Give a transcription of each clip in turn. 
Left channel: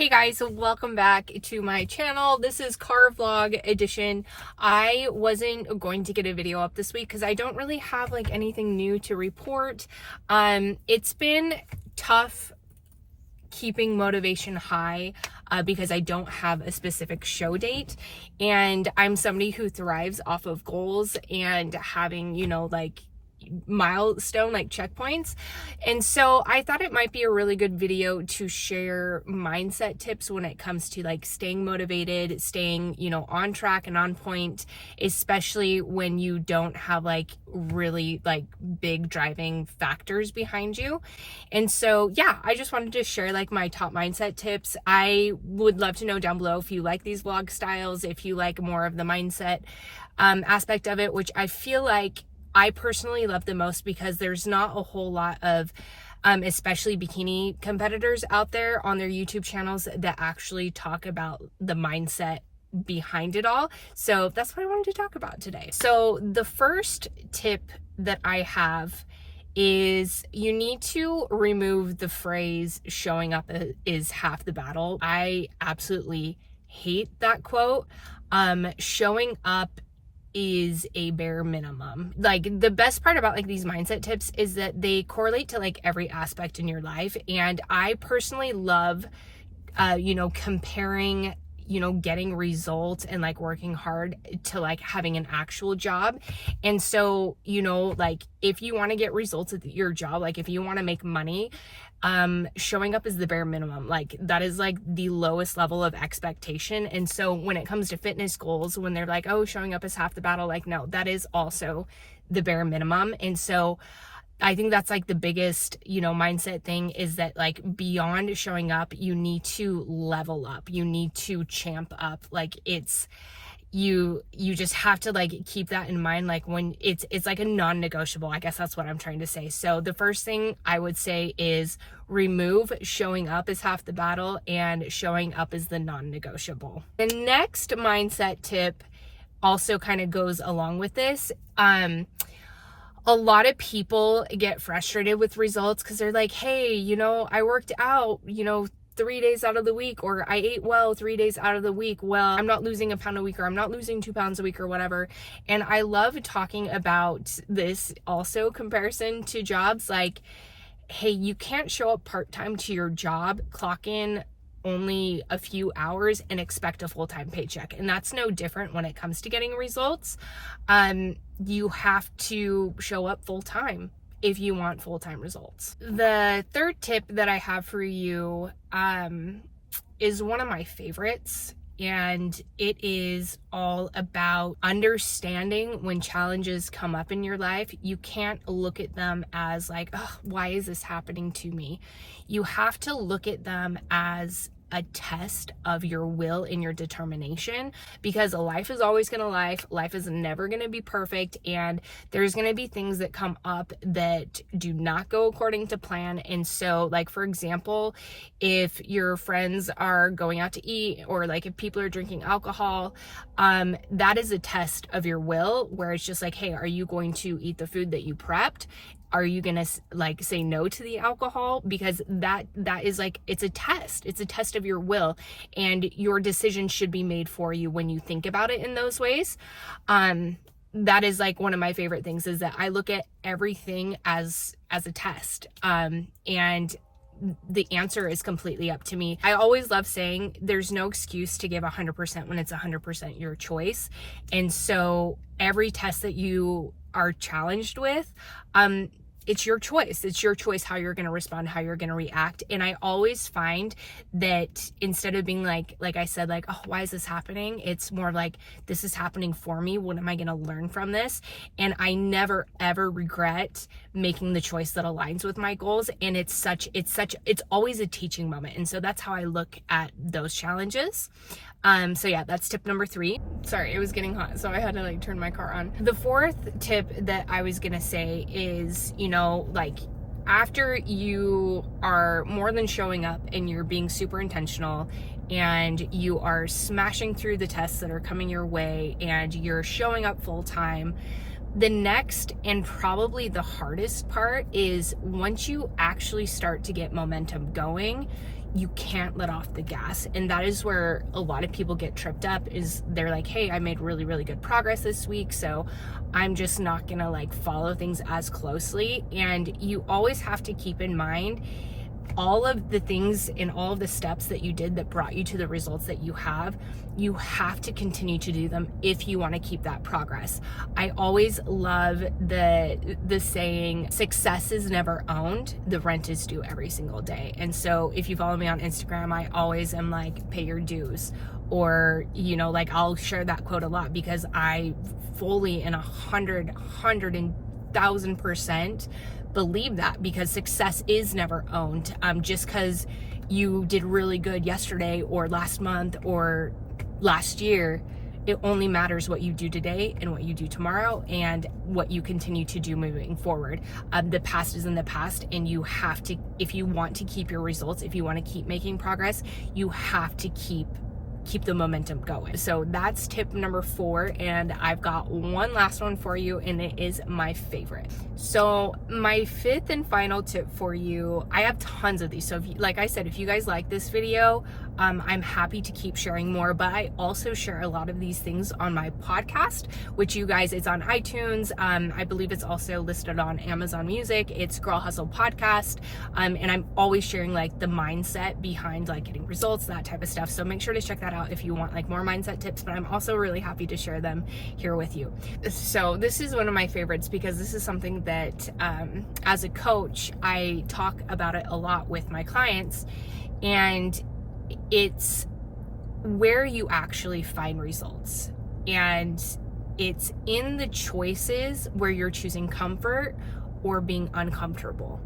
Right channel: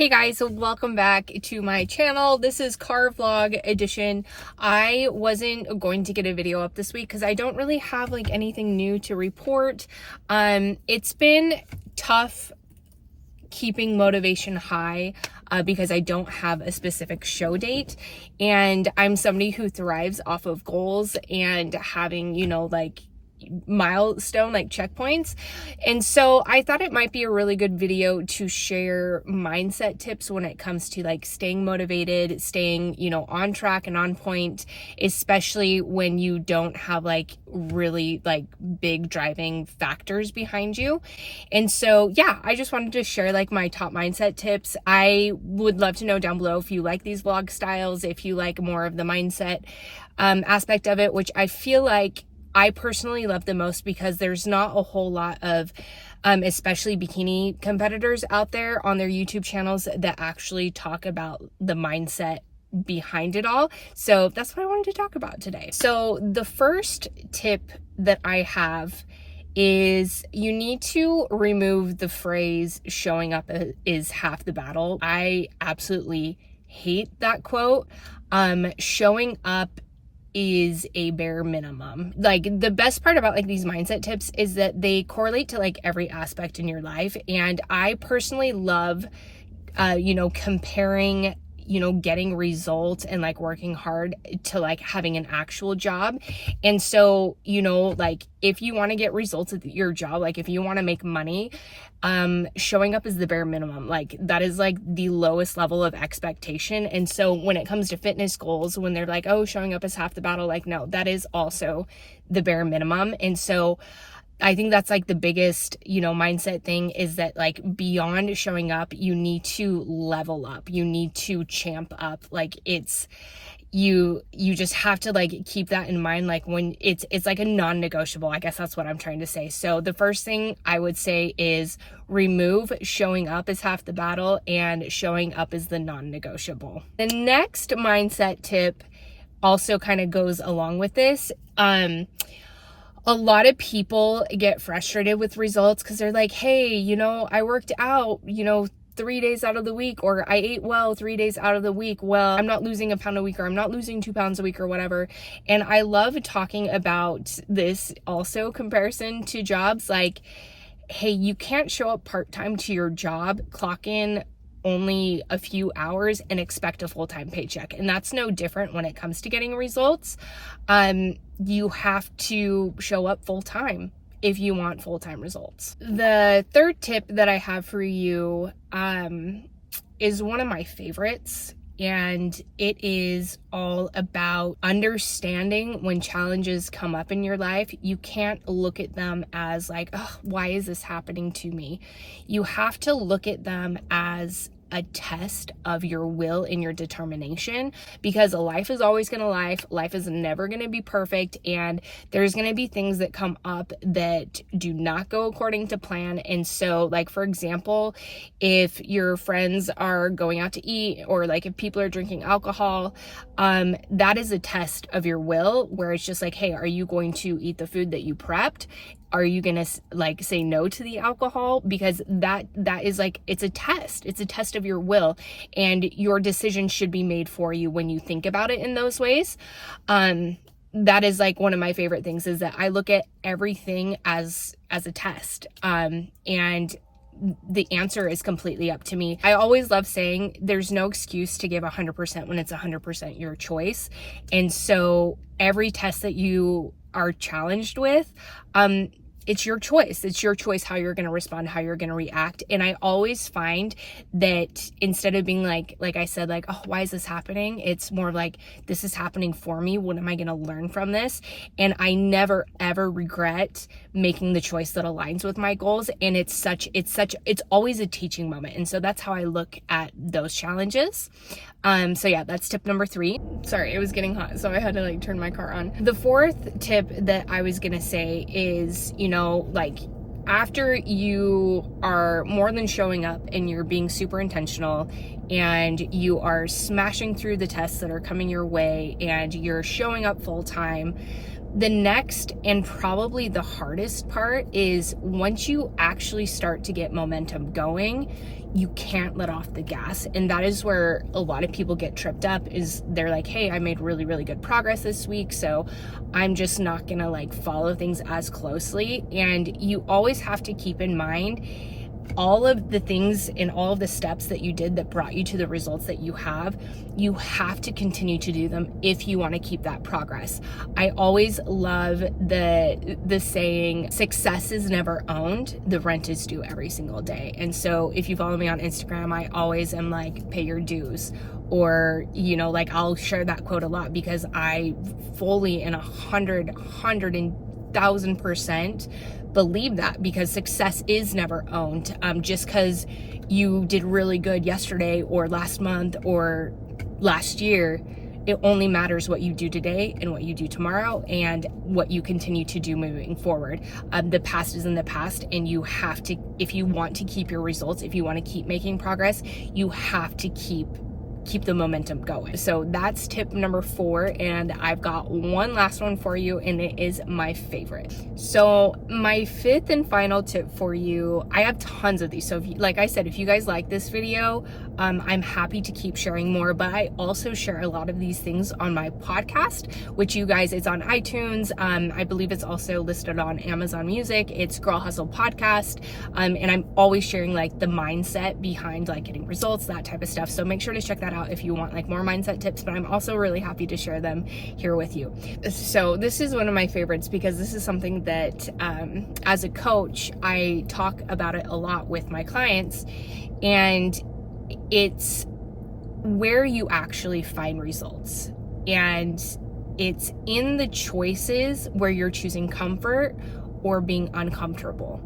Hey guys, welcome back to my channel. This is car vlog edition. I wasn't going to get a video up this week because I don't really have like anything new to report. It's been tough keeping motivation high because I don't have a specific show date, and I'm somebody who thrives off of goals and having, like milestone like checkpoints. And so I thought it might be a really good video to share mindset tips when it comes to like staying motivated, staying, on track and on point, especially when you don't have like really like big driving factors behind you. And so yeah, I just wanted to share like my top mindset tips. I would love to know down below if you like these vlog styles, if you like more of the mindset aspect of it, which I feel like I personally love the most because there's not a whole lot of especially bikini competitors out there on their YouTube channels that actually talk about the mindset behind it all. So that's what I wanted to talk about today. So the first tip that I have is you need to remove the phrase showing up is half the battle. I absolutely hate that quote. Showing up is a bare minimum. Like, the best part about like these mindset tips is that they correlate to like every aspect in your life. And I personally love comparing getting results and like working hard to like having an actual job. And so like if you want to get results at your job, like if you want to make money, showing up is the bare minimum. Like that is like the lowest level of expectation. And so when it comes to fitness goals, when they're like, oh, showing up is half the battle, like no, that is also the bare minimum. And so I think that's like the biggest, mindset thing is that like beyond showing up, you need to level up. You need to champ up. Like it's, you just have to like keep that in mind. Like when it's like a non-negotiable, I guess that's what I'm trying to say. So the first thing I would say is remove showing up is half the battle and showing up is the non-negotiable. The next mindset tip also kind of goes along with this. A lot of people get frustrated with results because they're like, hey, I worked out, 3 days out of the week, or I ate well 3 days out of the week. Well, I'm not losing a pound a week, or I'm not losing 2 pounds a week or whatever. And I love talking about this also comparison to jobs. Like, hey, you can't show up part-time to your job, clock in only a few hours and expect a full-time paycheck. And that's no different when it comes to getting results. You have to show up full-time if you want full-time results. The third tip that I have for you is one of my favorites, and it is all about understanding when challenges come up in your life. You can't look at them as like, oh, why is this happening to me? You have to look at them as a test of your will and your determination, because life is always gonna life is never gonna be perfect, and there's gonna be things that come up that do not go according to plan. And so like, for example, if your friends are going out to eat, or like if people are drinking alcohol, that is a test of your will, where it's just like, hey, are you going to eat the food that you prepped? Are you gonna like say no to the alcohol? Because that is like, it's a test of your will, and your decision should be made for you when you think about it in those ways. That is like one of my favorite things, is that I look at everything as a test, and the answer is completely up to me. I always love saying there's no excuse to give 100% when it's 100% your choice. And so every test that you are challenged with, it's your choice. It's your choice how you're going to respond, how you're going to react. And I always find that instead of being like I said, like, oh, why is this happening? It's more like, this is happening for me. What am I going to learn from this? And I never, ever regret making the choice that aligns with my goals. And it's always a teaching moment. And so that's how I look at those challenges. So yeah, that's tip number 3. Sorry, it was getting hot, so I had to like turn my car on. The fourth tip that I was gonna say is, like after you are more than showing up and you're being super intentional and you are smashing through the tests that are coming your way and you're showing up full time, the next and probably the hardest part is once you actually start to get momentum going, you can't let off the gas. And that is where a lot of people get tripped up, is they're like, hey, I made really, really good progress this week, so I'm just not gonna like follow things as closely. And you always have to keep in mind all of the things and all of the steps that you did that brought you to the results that you have to continue to do them if you want to keep that progress. I always love the saying, success is never owned, the rent is due every single day. And so if you follow me on Instagram, I always am like, pay your dues. Or, you know, like I'll share that quote a lot because I fully and 1,000% believe that, because success is never owned. Just because you did really good yesterday or last month or last year, it only matters what you do today and what you do tomorrow and what you continue to do moving forward. The past is in the past, and you have to, if you want to keep your results, if you want to keep making progress, you have to keep the momentum going. So that's tip number 4, and I've got one last one for you, and it is my favorite. So my 5th and final tip for you, I have tons of these, so if you, like I said, if you guys like this video, I'm happy to keep sharing more, but I also share a lot of these things on my podcast, which you guys, it's on iTunes. I believe it's also listed on Amazon Music. It's Girl Hustle Podcast. And I'm always sharing like the mindset behind like getting results, that type of stuff. So make sure to check that out if you want like more mindset tips, but I'm also really happy to share them here with you. So this is one of my favorites because this is something that as a coach, I talk about it a lot with my clients, and it's where you actually find results. And it's in the choices where you're choosing comfort or being uncomfortable.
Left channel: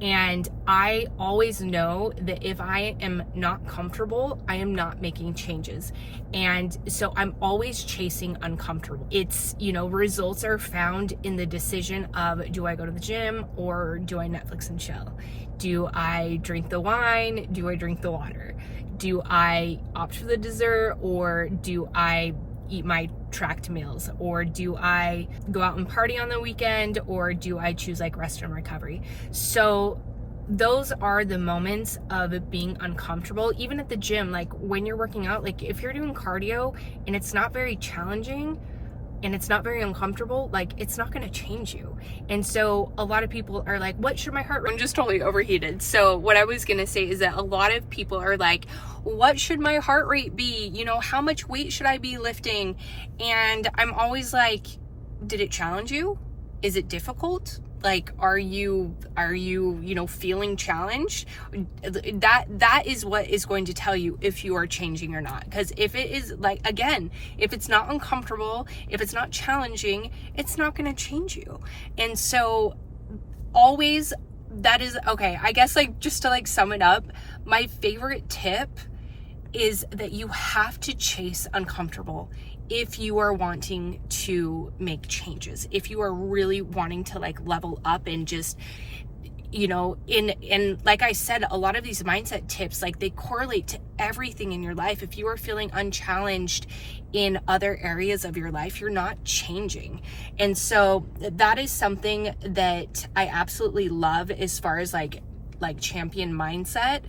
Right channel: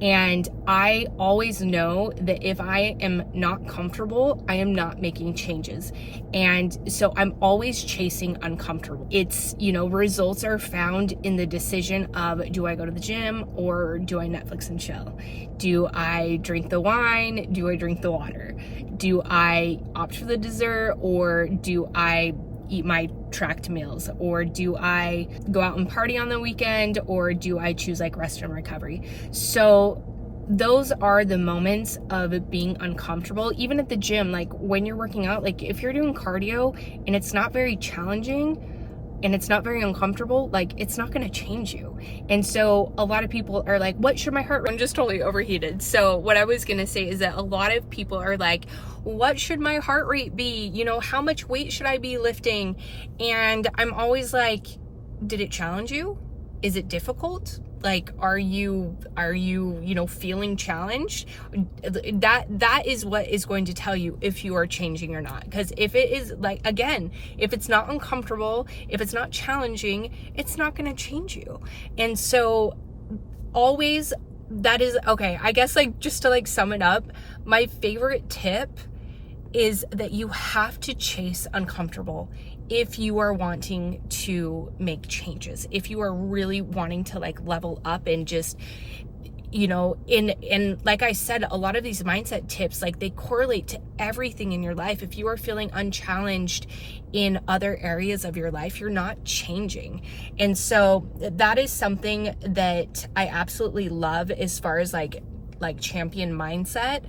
And I always know that if I am not comfortable, I am not making changes. And so I'm always chasing uncomfortable. It's, you know, results are found in the decision of, do I go to the gym or do I Netflix and chill? Do I drink the wine? Do I drink the water? Do I opt for the dessert, or do I eat my tracked meals? Or do I go out and party on the weekend, or do I choose like rest and recovery? So those are the moments of it being uncomfortable. Even at the gym, like when you're working out, like if you're doing cardio and it's not very challenging and it's not very uncomfortable, like it's not going to change you. And so a lot of people are like, what should my heart rate? I'm just totally overheated. So what I was going to say is that a lot of people are like, what should my heart rate be? You know, how much weight should I be lifting? And I'm always like, did it challenge you? Is it difficult? Like, are you feeling challenged? That is what is going to tell you if you are changing or not. Because if it is, like, again, if it's not uncomfortable, if it's not challenging, it's not going to change you. And so always, that is, okay, I guess, like, just to like sum it up, my favorite tip is that you have to chase uncomfortable if you are wanting to make changes, if you are really wanting to like level up and just, you know, and like I said, a lot of these mindset tips, like they correlate to everything in your life. If you are feeling unchallenged in other areas of your life, you're not changing. And so that is something that I absolutely love as far as like champion mindset.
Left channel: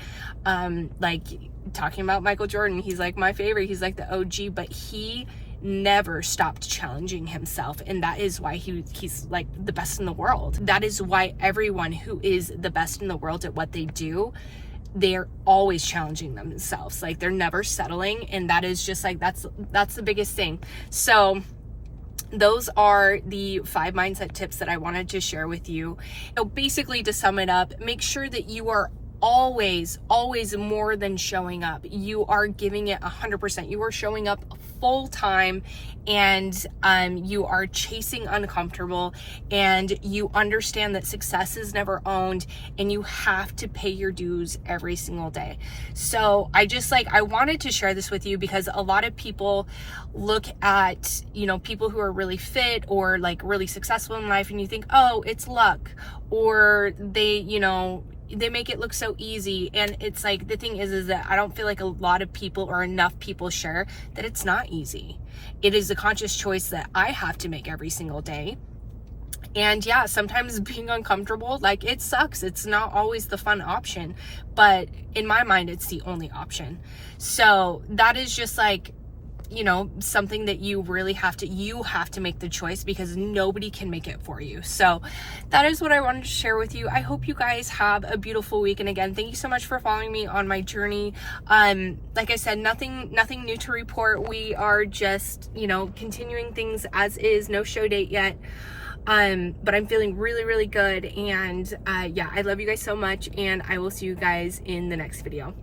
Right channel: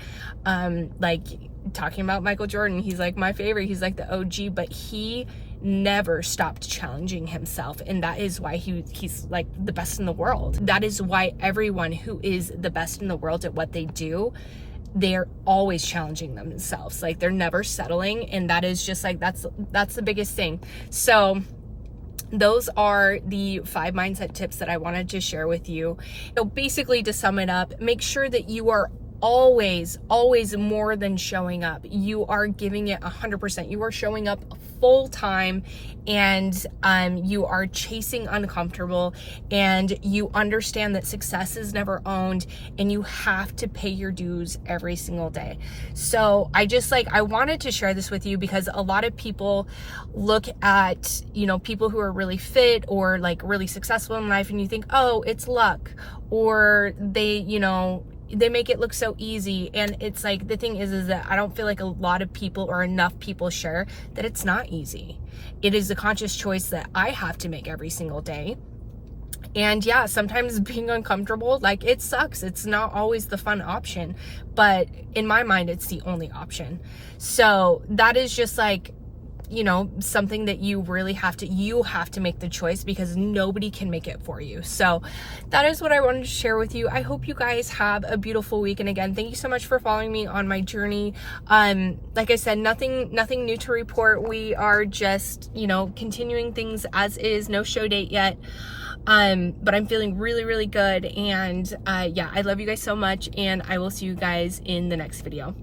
Like talking about Michael Jordan, he's like my favorite, he's like the OG, but he never stopped challenging himself, and that is why he's like the best in the world. That is why everyone who is the best in the world at what they do, they're always challenging themselves. Like they're never settling, and that is just like that's the biggest thing. So those are the 5 mindset tips that I wanted to share with you. So basically, to sum it up, make sure that you are always more than showing up. You are giving it 100%. You are showing up full time, and you are chasing uncomfortable, and you understand that success is never owned, and you have to pay your dues every single day. So I wanted to share this with you because a lot of people look at, you know, people who are really fit or like really successful in life, and you think, oh, it's luck, or they make it look so easy. And it's like, the thing is that I don't feel like a lot of people or enough people share that it's not easy. It is a conscious choice that I have to make every single day. And yeah, sometimes being uncomfortable, like, it sucks. It's not always the fun option, but in my mind, it's the only option. So that is just like, you know, something that you really have to make the choice, because nobody can make it for you. So that is what I wanted to share with you. I hope you guys have a beautiful week. And again, thank you so much for following me on my journey. Like I said, nothing new to report. We are just, you know, continuing things as is. No show date yet. But I'm feeling really, really good. And yeah, I love you guys so much, and I will see you guys in the next video.